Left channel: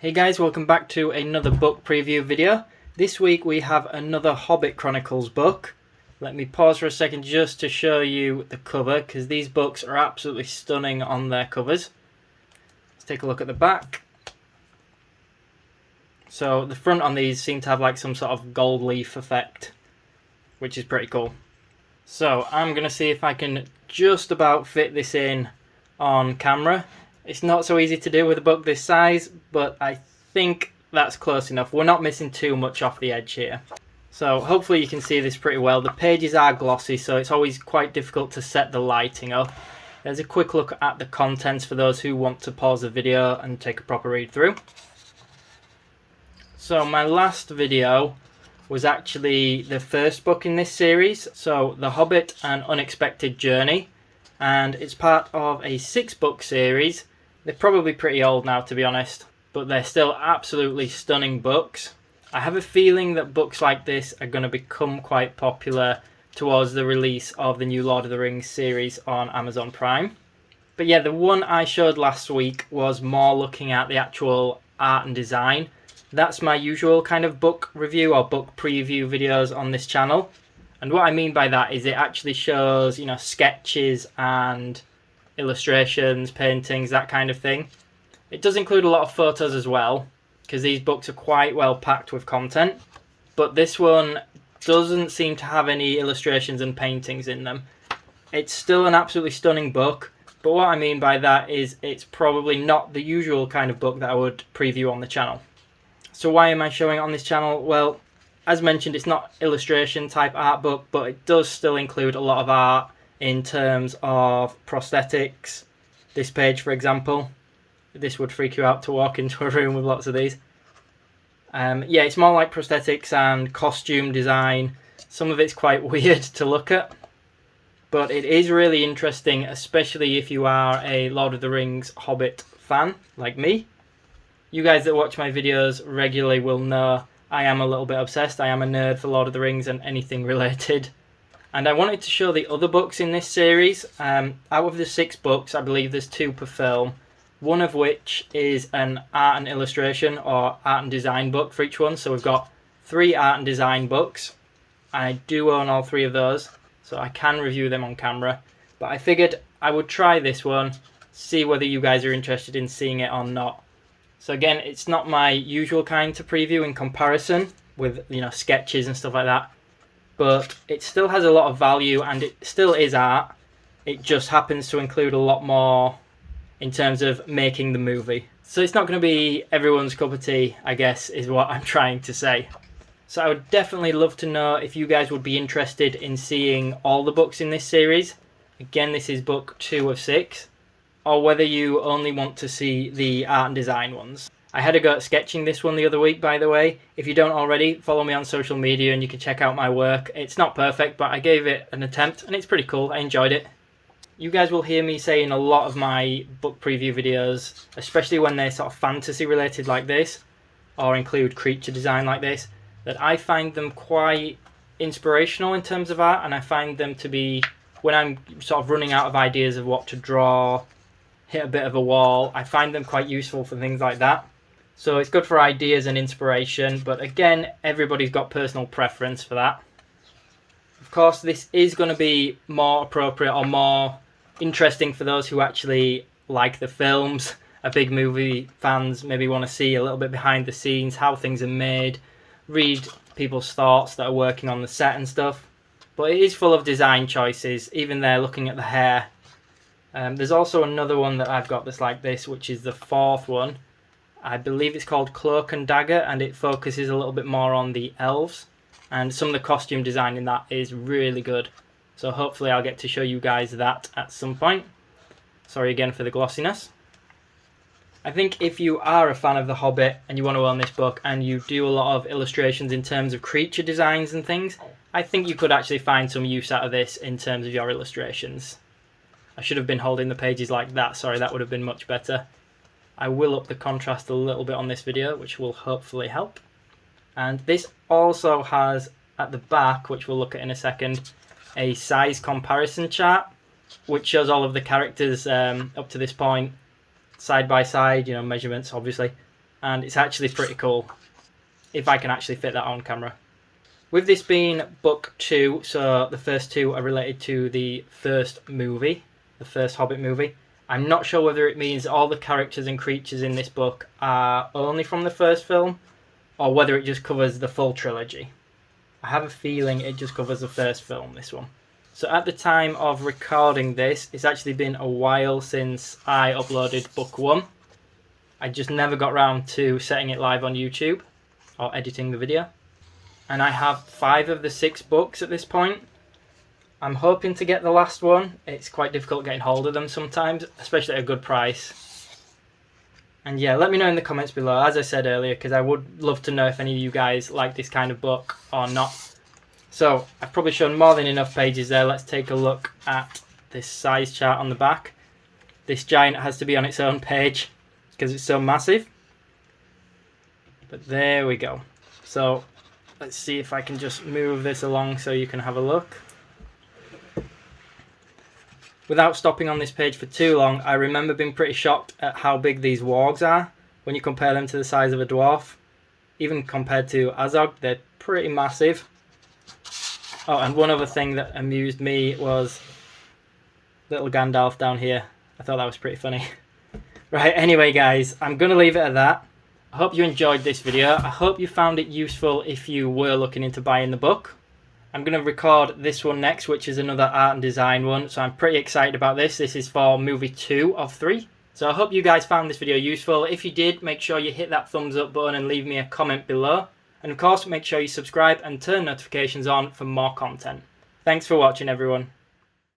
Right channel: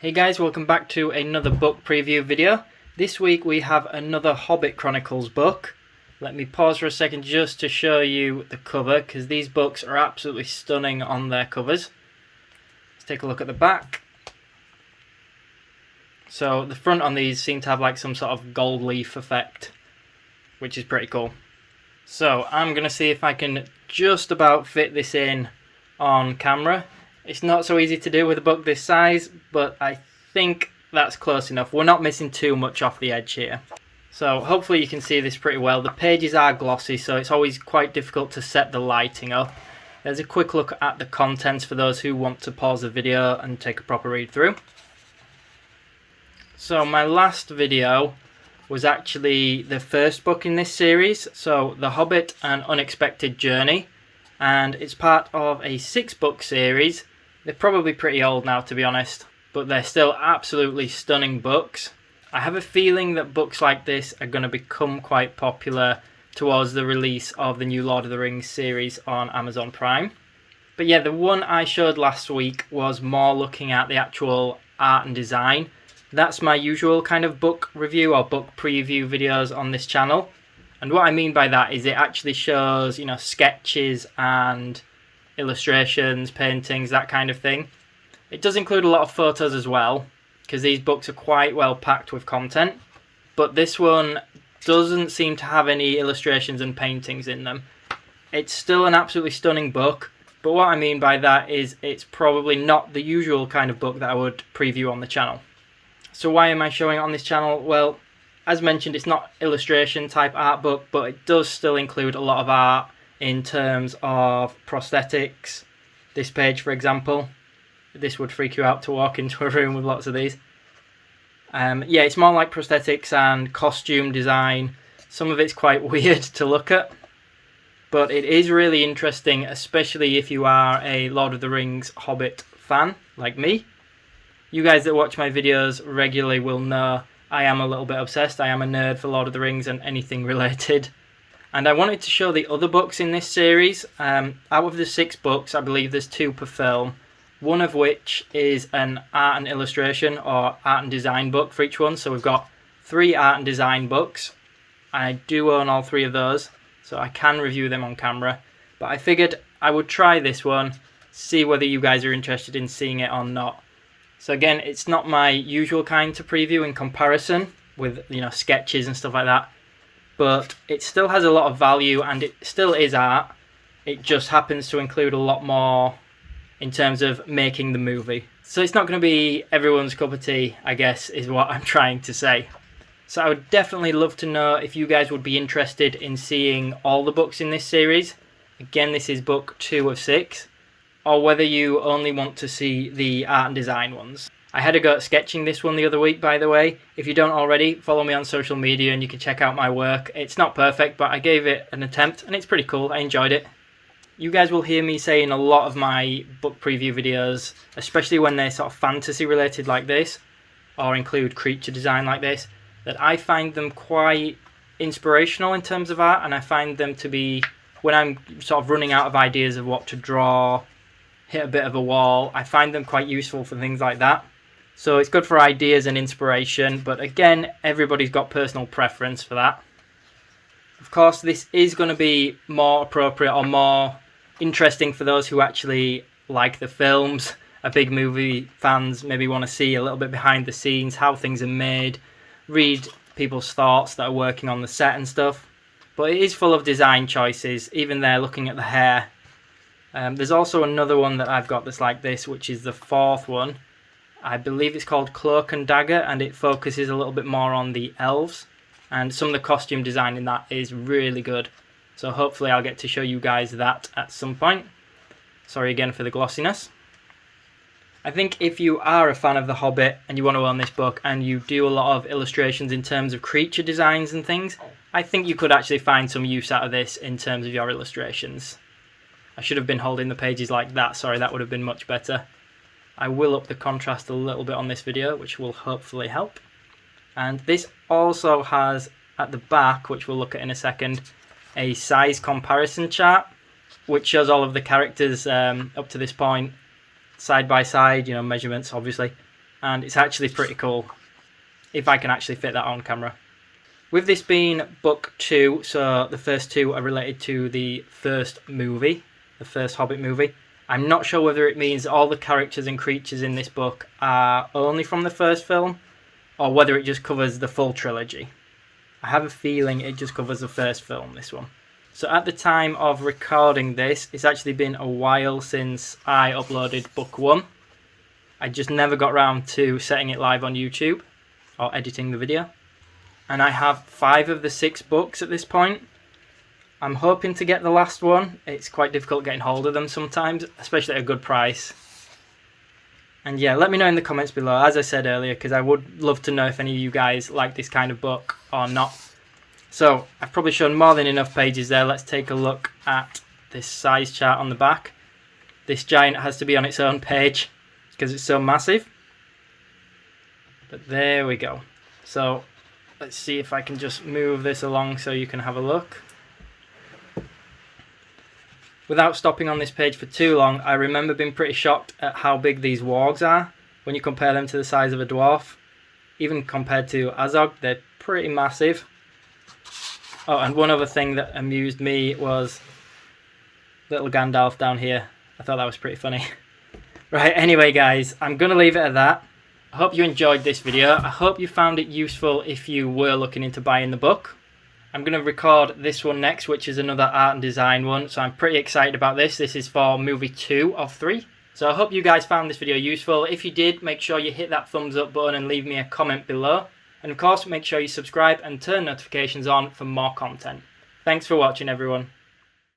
Hey guys, welcome back to another book preview video. This week we have another Hobbit Chronicles book. Let me pause for a second just to show you the cover, because these books are absolutely stunning on their covers. Let's take a look at the back. So the front on these seem to have like some sort of gold leaf effect, which is pretty cool. So I'm going to see if I can just about fit this in on camera. It's not so easy to do with a book this size, but I think that's close enough. We're not missing too much off the edge here. So hopefully you can see this pretty well. The pages are glossy, so it's always quite difficult to set the lighting up. There's a quick look at the contents for those who want to pause the video and take a proper read through. So my last video was actually the first book in this series, so The Hobbit: An Unexpected Journey, and it's part of a 6-book series. They're probably pretty old now, to be honest, but they're still absolutely stunning books. I have a feeling that books like this are going to become quite popular towards the release of the new Lord of the Rings series on Amazon Prime. But yeah, the one I showed last week was more looking at the actual art and design. That's my usual kind of book review or book preview videos on this channel. And what I mean by that is it actually shows, sketches and illustrations, paintings, that kind of thing. It does include a lot of photos as well, because these books are quite well packed with content. But this one doesn't seem to have any illustrations and paintings in them. It's still an absolutely stunning book, but what I mean by that is it's probably not the usual kind of book that I would preview on the channel. So why am I showing it on this channel? Well, as mentioned, it's not illustration type art book, but it does still include a lot of art in terms of prosthetics. This page, for example, this would freak you out to walk into a room with lots of these. Yeah, it's more like prosthetics and costume design. Some of it's quite weird to look at, but it is really interesting, especially if you are a Lord of the Rings Hobbit fan like me. You guys that watch my videos regularly will know I am a little bit obsessed. I am a nerd for Lord of the Rings and anything related. And I wanted to show the other books in this series. Out of the 6 books, I believe there's 2 per film. One of which is an art and illustration or art and design book for each one. So we've got 3 art and design books. I do own all 3 of those, so I can review them on camera. But I figured I would try this one, see whether you guys are interested in seeing it or not. So again, it's not my usual kind to preview in comparison with, sketches and stuff like that. But it still has a lot of value and it still is art. It just happens to include a lot more in terms of making the movie. So it's not going to be everyone's cup of tea, I guess, is what I'm trying to say. So I would definitely love to know if you guys would be interested in seeing all the books in this series. Again, this is book 2 of 6. Or whether you only want to see the art and design ones. I had a go at sketching this one the other week, by the way. If you don't already, follow me on social media and you can check out my work. It's not perfect, but I gave it an attempt and it's pretty cool. I enjoyed it. You guys will hear me say in a lot of my book preview videos, especially when they're sort of fantasy related like this, or include creature design like this, that I find them quite inspirational in terms of art, and I find them to be, when I'm sort of running out of ideas of what to draw, hit a bit of a wall, I find them quite useful for things like that. So it's good for ideas and inspiration, but again, everybody's got personal preference for that. Of course, this is going to be more appropriate or more interesting for those who actually like the films. Are big movie fans, maybe want to see a little bit behind the scenes, how things are made, read people's thoughts that are working on the set and stuff. But it is full of design choices, even there looking at the hair. There's also another one that I've got that's like this, which is the 4th one. I believe it's called Cloak and Dagger, and it focuses a little bit more on the elves. And some of the costume design in that is really good. So hopefully I'll get to show you guys that at some point. Sorry again for the glossiness. I think if you are a fan of The Hobbit and you want to own this book and you do a lot of illustrations in terms of creature designs and things, I think you could actually find some use out of this in terms of your illustrations. I should have been holding the pages like that, sorry, that would have been much better. I will up the contrast a little bit on this video, which will hopefully help. And this also has, at the back, which we'll look at in a second, a size comparison chart, which shows all of the characters up to this point, side by side, measurements obviously. and it's actually pretty cool, if I can actually fit that on camera. With this being book 2, so the first 2 are related to the first movie, the first Hobbit movie. I'm not sure whether it means all the characters and creatures in this book are only from the first film, or whether it just covers the full trilogy. I have a feeling it just covers the first film, this one. So at the time of recording this, it's actually been a while since I uploaded book 1. I just never got around to setting it live on YouTube, or editing the video. And I have 5 of the 6 books at this point. I'm hoping to get the last one. It's quite difficult getting hold of them sometimes, especially at a good price. And yeah, let me know in the comments below, as I said earlier, because I would love to know if any of you guys like this kind of book or not. So, I've probably shown more than enough pages there. Let's take a look at this size chart on the back. This giant has to be on its own page because it's so massive. But there we go. So, let's see if I can just move this along so you can have a look. Without stopping on this page for too long, I remember being pretty shocked at how big these wargs are when you compare them to the size of a dwarf. Even compared to Azog, they're pretty massive. Oh, and one other thing that amused me was little Gandalf down here. I thought that was pretty funny. Right, anyway guys, I'm going to leave it at that. I hope you enjoyed this video. I hope you found it useful if you were looking into buying the book. I'm going to record this one next, which is another art and design one, so I'm pretty excited about this. This is for movie 2 of 3. So I hope you guys found this video useful. If you did, make sure you hit that thumbs up button and leave me a comment below. And of course, make sure you subscribe and turn notifications on for more content. Thanks for watching, everyone.